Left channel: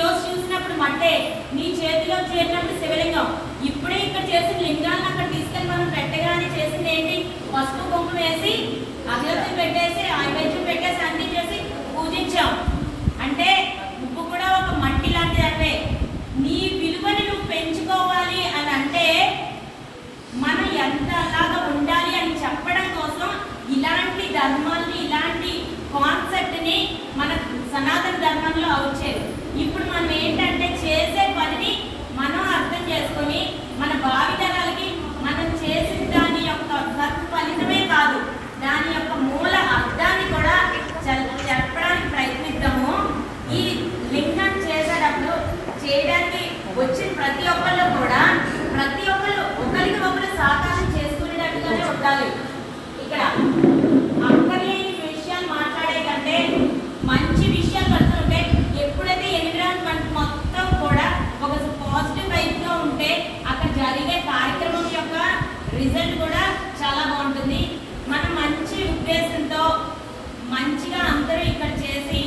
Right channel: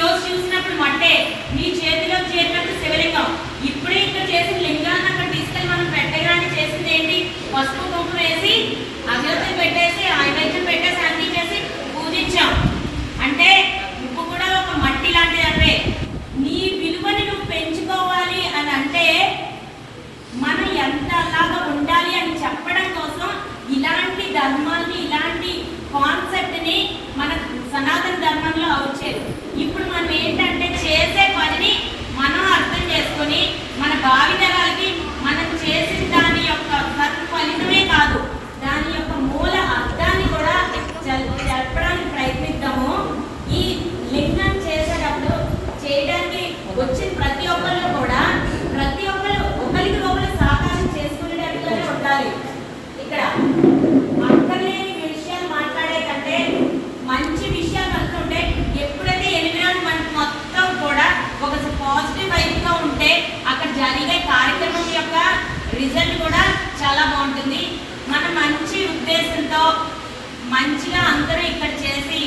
రోజు చూసినప్పుడు మట్టే, నీ చేతిలో చేరినప్పుడు శివలింగం. ఇప్పుడే ఇక్కడ చేసిన లింగాన్ని అక్కడ తీసుకెళ్ళి మనం పెట్టగానే చేసింది ఏంటి? పసుపు కుంకుమ వేసి అగరత్తులు పెట్టేసి నైవేద్యం పెట్టేసి అందించేసి పూజించాం. అంటే నువ్వు కూడా ఒక మట్టి లాంటిదే. నీ విలువని నువ్వు పెంచుకోవాలి అని అంటే మనం ఎంత అలాగా ఉండాలి అని చెప్పడం కోసం ఇలాంటి ధర్మాన్ని, ఇలాంటి కాన్సెప్ట్ని మన సనాతన ధర్మంలో వచ్చేది. ఇప్పుడు మనం ఏంటంటే చేసే పనిని మనం అర్థం చేసుకొని మన భావితరాలకి మనం చేసిన దాని యొక్క ఫలితమే కాదు, దాని యొక్క మూల అర్థాన్ని కూడా చెప్పడానికి ప్రయత్నిద్దాము. ఈ లింగం చేసేటప్పుడు చేయడానికి వచ్చిన ప్రతి ఒక్కళ్ళు కూడా ప్రతి ఒక్కరు ఒకరికి ఒకరు సహకారం చేసుకునేటట్టుగానే ఉండాలి. ఇక్కడ అక్కర్లేని విషయాలు మాట్లాడే కంటే మంచి విషయాలు వస్తుంటే, ఎప్పుడైతే ఎన్విరాన్మెంట్ మొత్తం కూడా ఒక పాజిటివ్ వైపుగా ఉంటే అక్కడ జరిగే కార్యక్రమం యొక్క రిజల్ట్ కూడా చాలా బాగుంటుంది. మన మంచి ఉద్దేశంతో మంచిగా అందరూ ఇక్కడ చేసి